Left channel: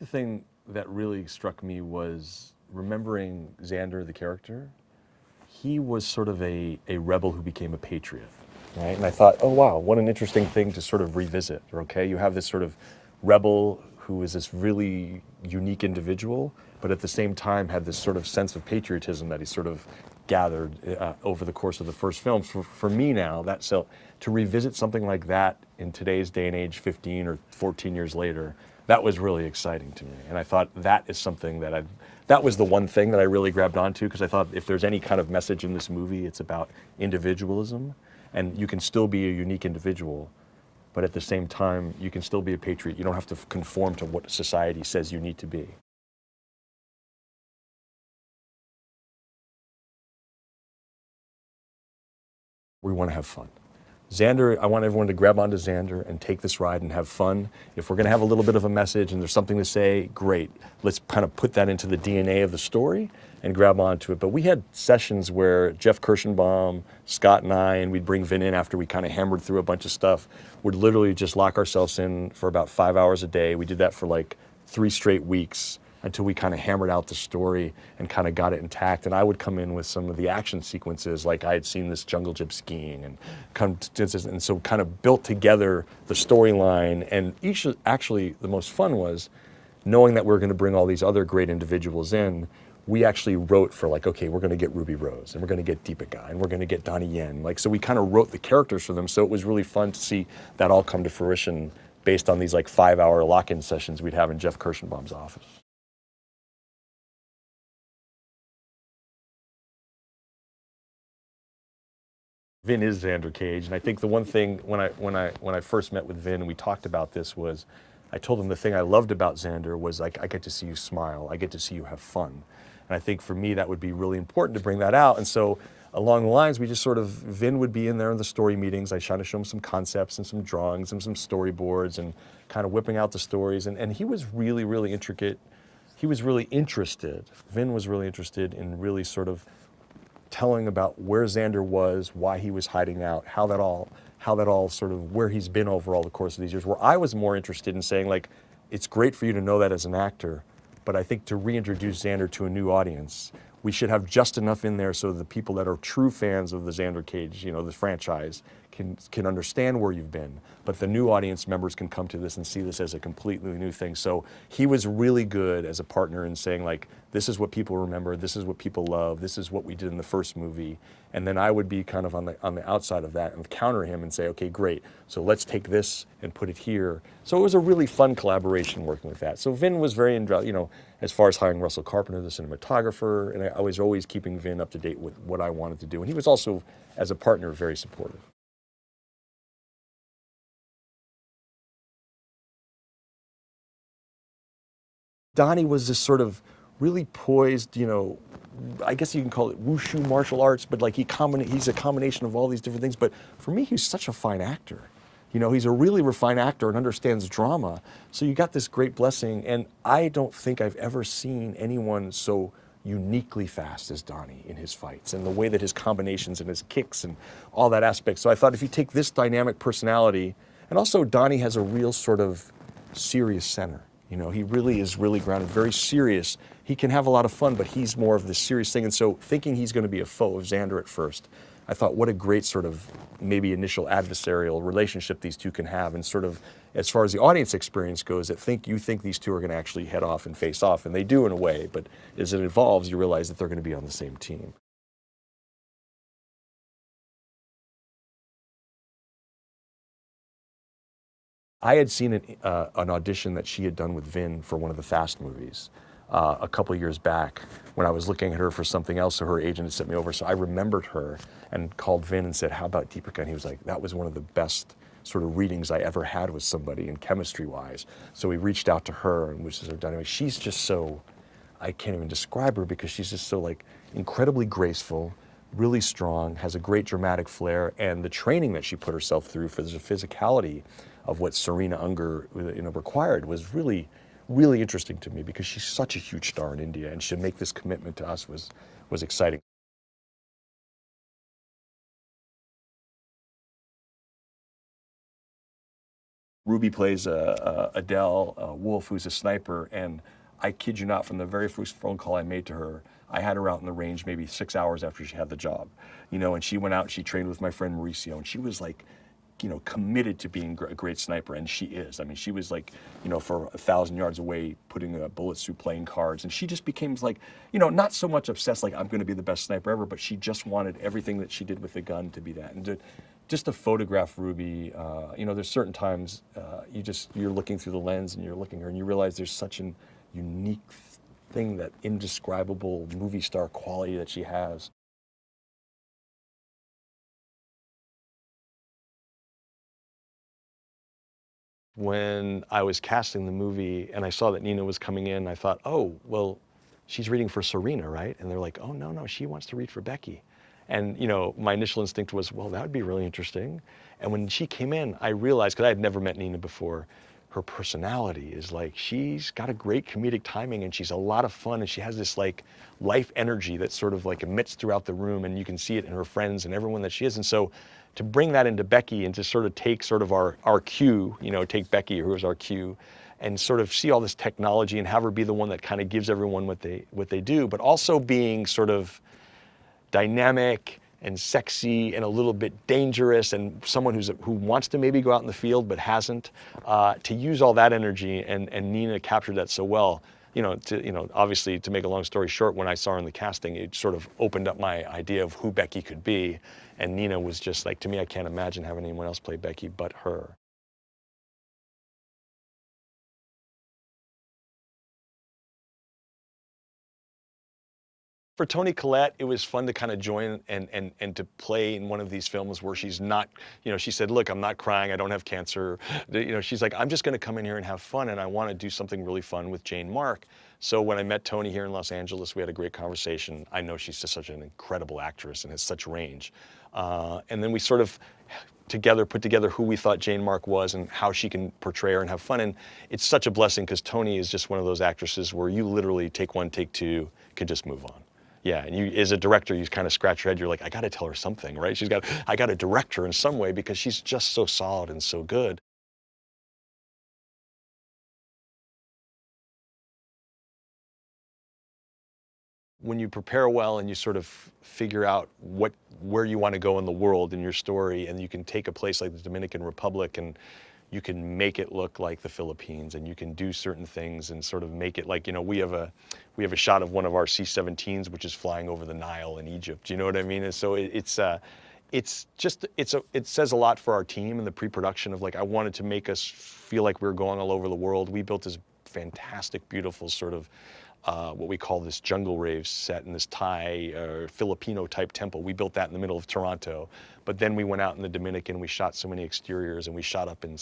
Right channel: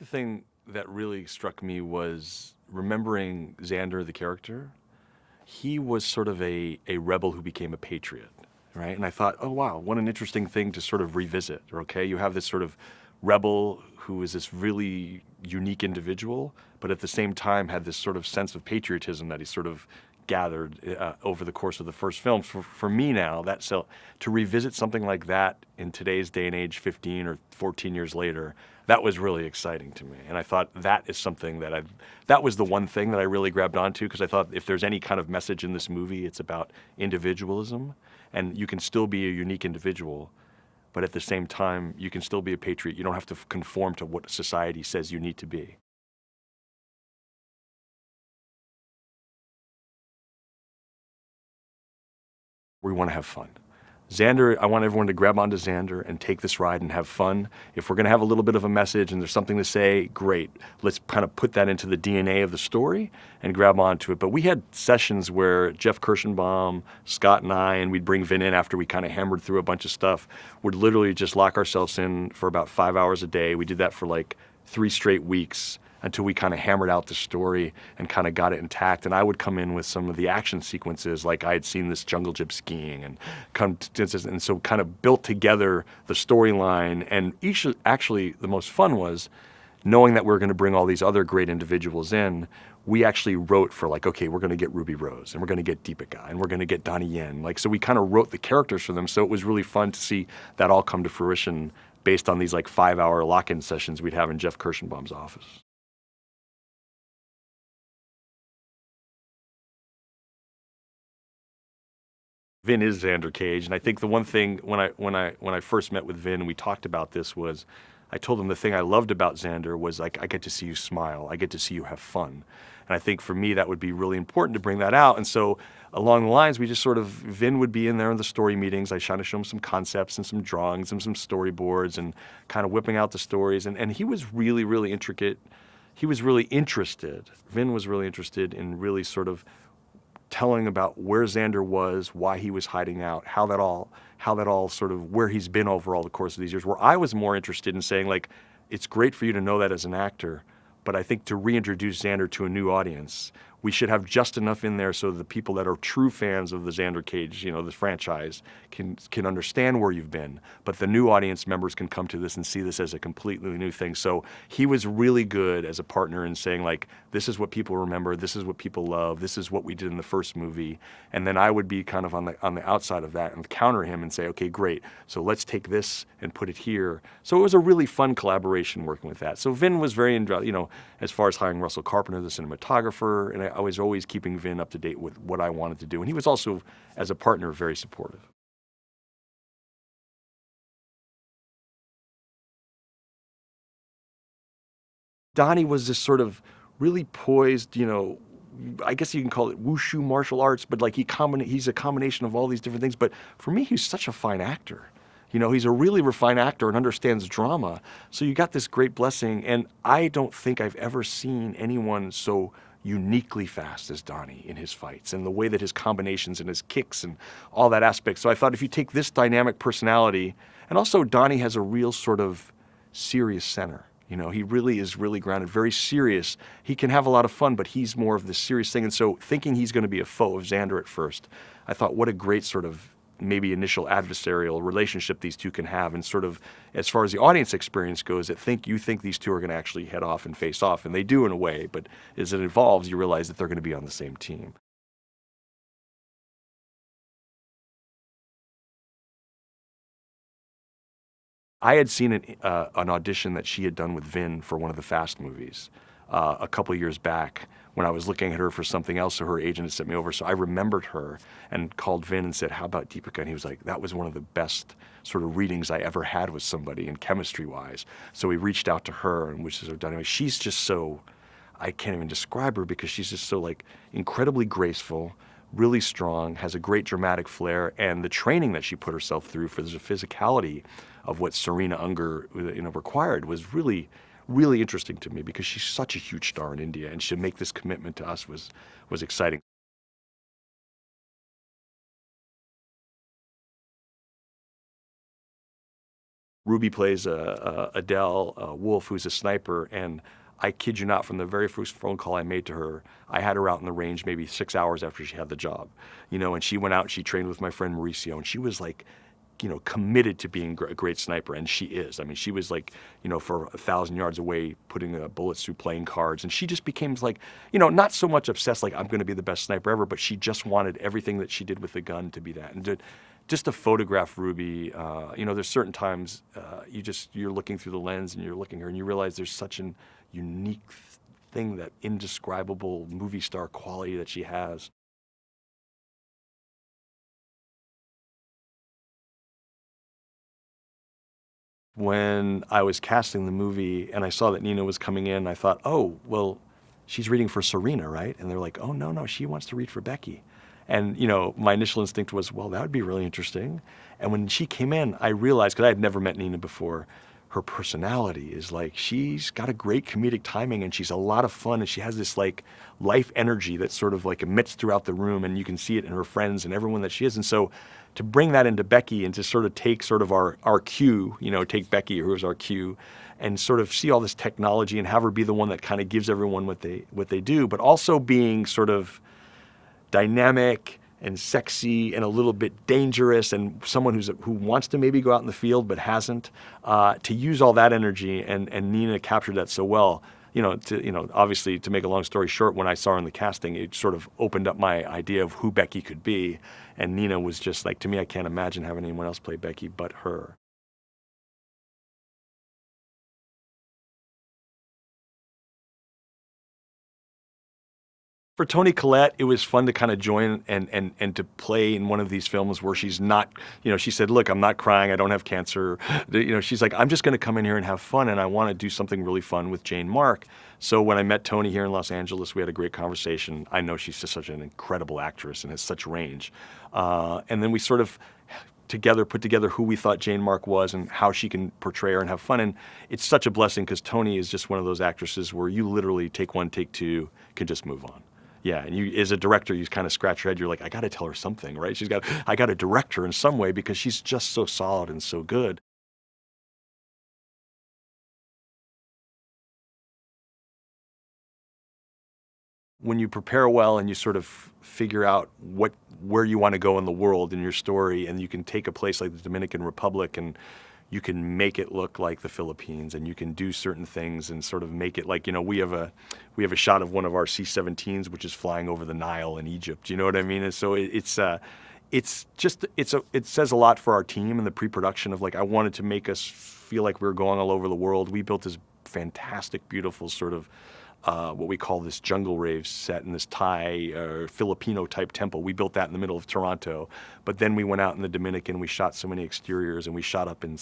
The thing that really struck me was remembering Xander, the character. He was sort of a rebel who became a patriot, right? And I thought, oh wow, what an interesting thing to sort of revisit. Okay, you have this sort of rebel who is this really unique individual, but at the same time had this sort of sense of patriotism that he sort of gathered over the course of the first film. For me now, so to revisit something like that in today's day and age, 15 or 14 years later, that was really exciting to me. And I thought that is something that was the one thing that I really grabbed onto, because I thought if there's any kind of message in this movie, it's about individualism, and you can still be a unique individual, but at the same time, you can still be a patriot. You don't have to conform to what society says you need to be. We want to have fun. Xander, I want everyone to grab onto Xander and take this ride and have fun. If we're going to have a little bit of a message and there's something to say, great. Let's kind of put that into the DNA of the story and grab onto it. But we had sessions where Jeff Kirschenbaum, Scott and I, and we'd bring Vin in after we kind of hammered through a bunch of stuff, would literally just lock ourselves in for about 5 hours a day. We did that for like 3 straight weeks until we kind of hammered out the story and kind of got it intact. And I would come in with some of the action sequences, like I had seen this jungle gym skiing, and so kind of built together the storyline. And actually, the most fun was knowing that we were going to bring all these other great individuals in. We actually wrote for like, okay, we're going to get Ruby Rose, and we're going to get Deepika, and we're going to get Donnie Yen. Like, so we kind of wrote the characters for them. So it was really fun to see that all come to fruition based on these like 5-hour lock-in sessions we'd have in Jeff Kirschenbaum's office. Vin is Xander Cage, and I think the one thing when I first met with Vin and we talked about this was, I told him the thing I loved about Xander was like, I get to see you smile, I get to see you have fun, and I think for me that would be really important to bring that out. And so along the lines, we just sort of, Vin would be in there in the story meetings. I try to show him some concepts and some drawings and some storyboards and kind of whipping out the stories, and he was really, really intricate. He was really interested. Vin was really interested in really sort of telling about where Xander was, why he was hiding out, how that all sort of, where he's been over all the course of these years. Where I was more interested in saying, like, it's great for you to know that as an actor, but I think to reintroduce Xander to a new audience, we should have just enough in there so the people that are true fans of the Xander Cage, you know, the franchise, can understand where you've been. But the new audience members can come to this and see this as a completely new thing. So he was really good as a partner in saying, like, this is what people remember, this is what people love, this is what we did in the first movie. And then I would be kind of on the outside of that and counter him and say, okay, great, so let's take this and put it here. So it was a really fun collaboration working with that. So Vin was very, you know, as far as hiring Russell Carpenter, the cinematographer, and I was always keeping Vin up to date with what I wanted to do. And he was also, as a partner, very supportive. Donnie was this sort of really poised, you know, I guess you can call it wushu martial arts, but like he's a combination of all these different things. But for me, he's such a fine actor. You know, he's a really refined actor and understands drama. So you got this great blessing, and I don't think I've ever seen anyone so uniquely fast as Donnie in his fights, and the way that his combinations and his kicks and all that aspect. So I thought if you take this dynamic personality, and also Donnie has a real sort of serious center. You know, he really is really grounded, very serious. He can have a lot of fun, but he's more of the serious thing. And so thinking he's going to be a foe of Xander at first, I thought what a great sort of maybe initial adversarial relationship these two can have. And sort of as far as the audience experience goes, you think these two are going to actually head off and face off. And they do in a way, but as it evolves, you realize that they're going to be on the same team. I had seen an audition that she had done with Vin for one of the Fast movies a couple years back when I was looking at her for something else, so her agent had sent me over. So I remembered her and called Vin and said, how about Deepika? And he was like, that was one of the best sort of readings I ever had with somebody in chemistry-wise. So we reached out to her, and which is done. Anyway, she's just so, I can't even describe her because she's just so like incredibly graceful, really strong, has a great dramatic flair, and the training that she put herself through for the physicality of what Serena Unger, you know, required was really, really interesting to me because she's such a huge star in India, and to make this commitment to us was exciting. Ruby plays Adele Wolf, who's a sniper, and I kid you not, from the very first phone call I made to her, I had her out in the range maybe 6 hours after she had the job, and she went out and she trained with my friend Mauricio, and she was like, committed to being a great sniper, and she is. I mean, she was like, for 1,000 yards away, putting bullets through playing cards, and she just became like, not so much obsessed like I'm going to be the best sniper ever, but she just wanted everything that she did with the gun to be that. And just to photograph Ruby, there's certain times you're looking through the lens and you're looking at her and you realize there's such an unique thing, that indescribable movie star quality that she has. When I was casting the movie and I saw that Nina was coming in, I thought, oh, well, she's reading for Serena, right? And they're like, oh, no, she wants to read for Becky. And, my initial instinct was, well, that would be really interesting. And when she came in, I realized, because I had never met Nina before, her personality is like, she's got a great comedic timing and she's a lot of fun, and she has this like life energy that sort of like emits throughout the room, and you can see it in her friends and everyone that she is. And so to bring that into Becky and to sort of take sort of our cue, take Becky, who is our cue, and sort of see all this technology and have her be the one that kind of gives everyone what they do, but also being sort of dynamic and sexy and a little bit dangerous, and someone who wants to maybe go out in the field but hasn't, to use all that energy, and Nina captured that so well. Obviously, to make a long story short, when I saw her in the casting, it sort of opened up my idea of who Becky could be, and Nina was just like, to me, I can't imagine having anyone else play Becky but her. For Toni Collette, it was fun to kind of join and to play in one of these films where she's not, she said, look, I'm not crying, I don't have cancer. She's like, I'm just going to come in here and have fun, and I want to do something really fun with Jane Mark. So when I met Toni here in Los Angeles, we had a great conversation. I know she's just such an incredible actress and has such range. And then we sort of put together who we thought Jane Mark was and how she can portray her and have fun. And it's such a blessing, because Toni is just one of those actresses where you literally take one, take two, can just move on. Yeah, and you, as a director, you kind of scratch your head. You're like, I got to tell her something, right? I got to direct her in some way, because she's just so solid and so good. When you prepare well and you sort of figure out where you want to go in the world in your story, and you can take a place like the Dominican Republic and you can make it look like the Philippines, and you can do certain things and sort of make it like, we have a shot of one of our C-17s which is flying over the Nile in Egypt. You know what I mean? And so it says a lot for our team and the pre-production of, like, I wanted to make us feel like we were going all over the world. We built this fantastic, beautiful sort of what we call this jungle rave set in this Thai or Filipino type temple. We built that in the middle of Toronto, but then we went out in the Dominican. We shot so many exteriors, and we shot in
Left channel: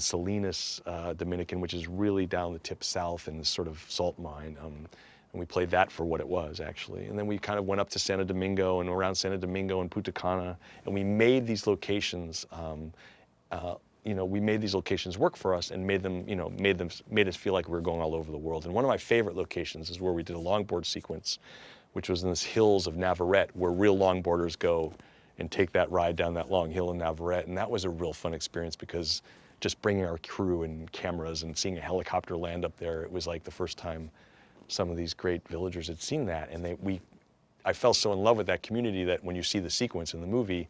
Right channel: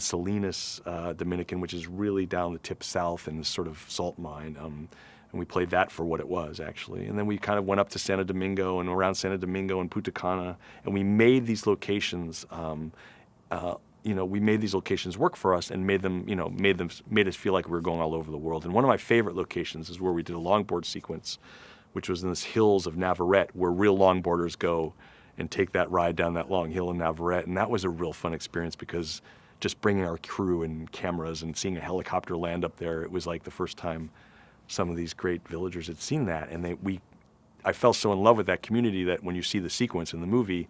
Salinas, Dominican, which is really down the tip south in this sort of salt mine. And we played that for what it was, actually. And then we kind of went up to Santo Domingo and around Santo Domingo and Punta Cana, and we made these locations. We made these locations work for us, and made us feel like we were going all over the world. And one of my favorite locations is where we did a longboard sequence, which was in the hills of Navarrete, where real longboarders go and take that ride down that long hill in Navarrete. And that was a real fun experience, because just bringing our crew and cameras and seeing a helicopter land up there, it was like the first time some of these great villagers had seen that. And I fell so in love with that community that when you see the sequence in the movie,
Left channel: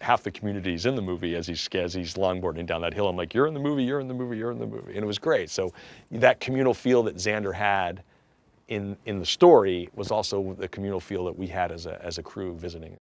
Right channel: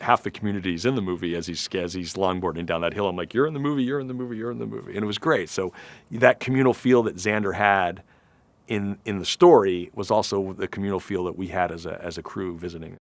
half the community is in the movie as he's longboarding down that hill. I'm like, you're in the movie, you're in the movie, you're in the movie. And it was great. So that communal feel that Xander had in the story was also the communal feel that we had as a crew visiting.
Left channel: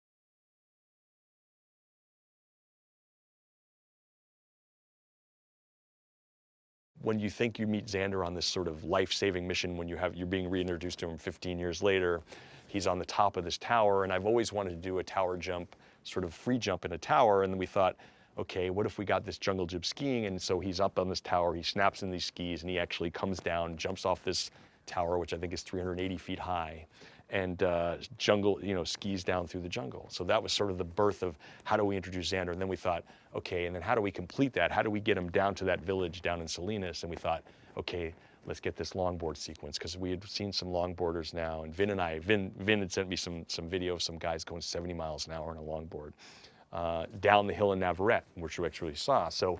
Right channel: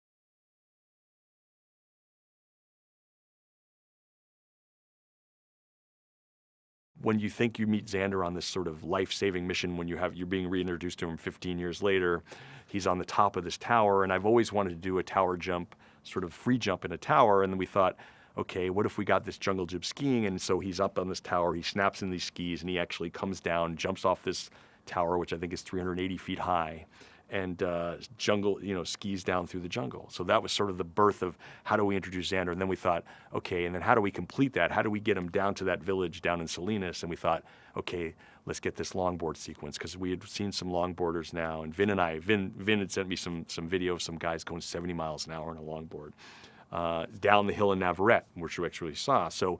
When you think you meet Xander on this sort of life-saving mission, when you're being reintroduced to him 15 years later, he's on the top of this tower, and I've always wanted to do a tower jump, sort of free jump in a tower, and then we thought, okay, what if we got this jungle gym skiing? And so he's up on this tower, he snaps in these skis, and he actually comes down, jumps off this tower, which I think is 380 feet high, and skis down through the jungle. So that was sort of the birth of how do we introduce Xander. And then we thought, okay, and then how do we complete that? How do we get him down to that village down in Salinas? And we thought, okay, let's get this longboard sequence, because we had seen some longboarders now, and Vin had sent me some video of some guys going 70 miles an hour on a longboard down the hill in Navarrete, which we actually saw. So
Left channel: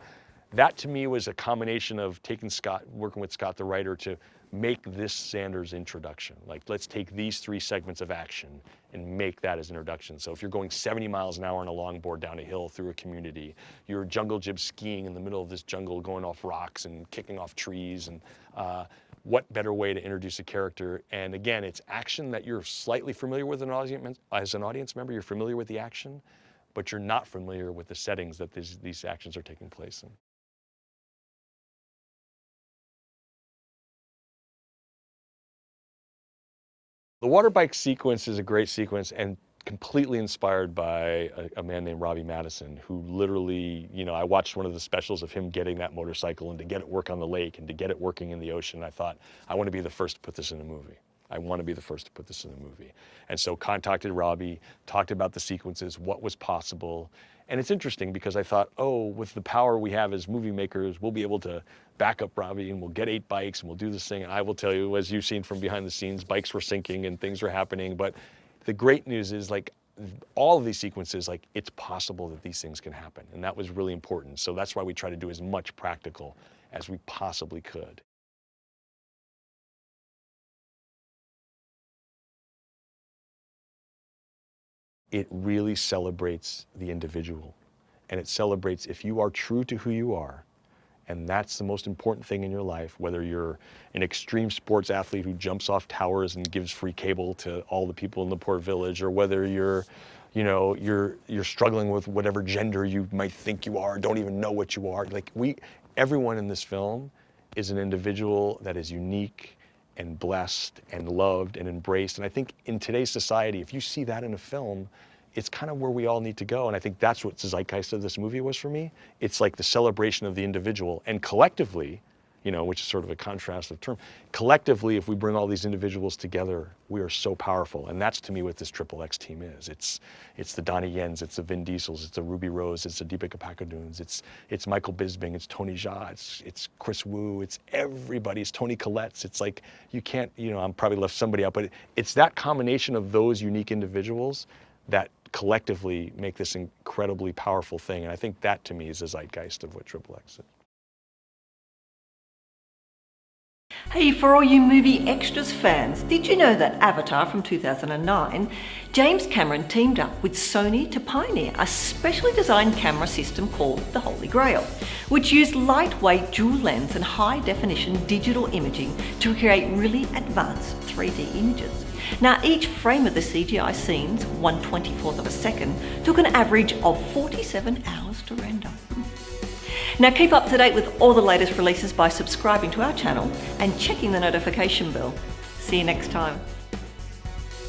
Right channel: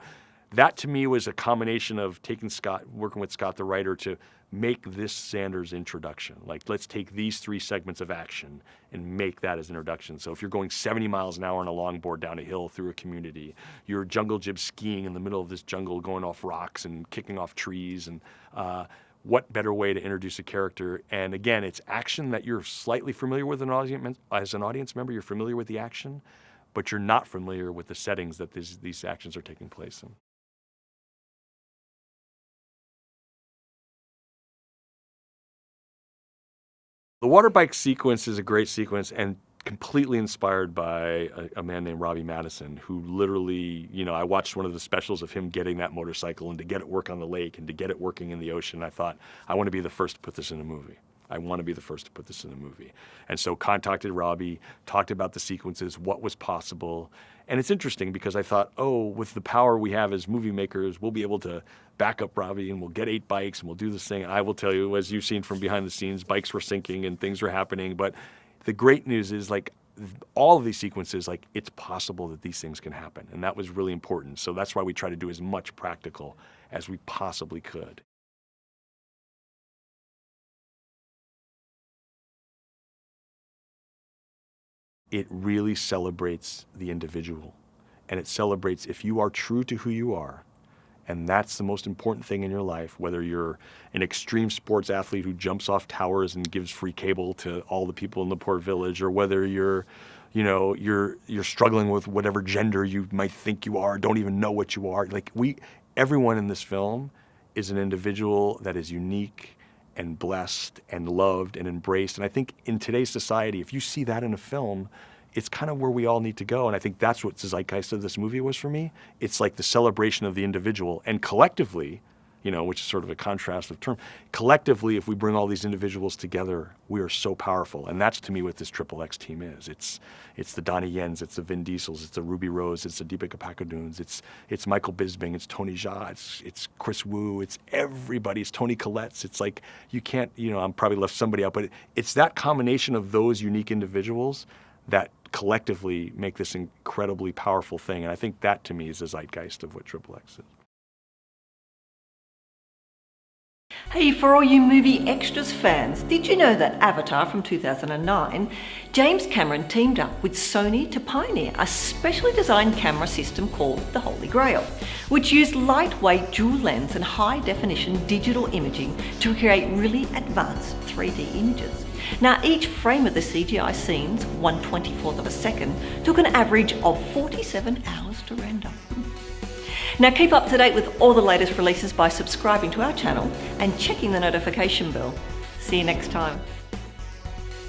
that to me was a combination of working with Scott the writer to make this Xander's introduction. Like, let's take these 3 segments of action and make that as introduction. So if you're going 70 miles an hour on a longboard down a hill through a community, you're jungle jib skiing in the middle of this jungle, going off rocks and kicking off trees, and what better way to introduce a character? And again, it's action that you're slightly familiar with as an audience member. You're familiar with the action, but you're not familiar with the settings that these actions are taking place in. The water bike sequence is a great sequence and completely inspired by a man named Robbie Madison, who literally, I watched one of the specials of him getting that motorcycle and to get it work on the lake and to get it working in the ocean. I thought, I want to be the first to put this in a movie. I want to be the first to put this in a movie. And so contacted Robbie, talked about the sequences, what was possible. And it's interesting because I thought, with the power we have as movie makers, we'll be able to back up Robbie and we'll get 8 bikes and we'll do this thing. And I will tell you, as you've seen from behind the scenes, bikes were sinking and things were happening. But the great news is, like, all of these sequences, like, it's possible that these things can happen. And that was really important. So that's why we try to do as much practical as we possibly could. It really celebrates the individual. And it celebrates if you are true to who you are. And that's the most important thing in your life, whether you're an extreme sports athlete who jumps off towers and gives free cable to all the people in the poor village, or whether you're struggling with whatever gender you might think you are, don't even know what you are. Like, everyone in this film is an individual that is unique and blessed and loved and embraced. And I think in today's society, if you see that in a film, it's kind of where we all need to go. And I think that's what the zeitgeist of this movie was for me. It's like the celebration of the individual, and collectively, which is sort of a contrast of term, collectively, if we bring all these individuals together, we are so powerful. And that's, to me, what this XXX team is. It's the Donnie Yens, it's the Vin Diesels, it's the Ruby Rose, it's the Deepika Padukones, it's Michael Bisping, it's Tony Jaa, it's Chris Wu, it's everybody, it's Toni Collette. It's like, you can't, I'm probably left somebody out, but it's that combination of those unique individuals that collectively make this incredibly powerful thing. And I think that, to me, is the zeitgeist of what XXX is. Hey, for all you movie extras fans, did you know that Avatar from 2009, James Cameron teamed up with Sony to pioneer a specially designed camera system called the Holy Grail, which used lightweight dual lens and high definition digital imaging to create really advanced 3D images. Now, each frame of the CGI scenes, 1/24th of a second, took an average of 47 hours to render. Now, keep up to date with all the latest releases by subscribing to our channel and checking the notification bell. See you next time.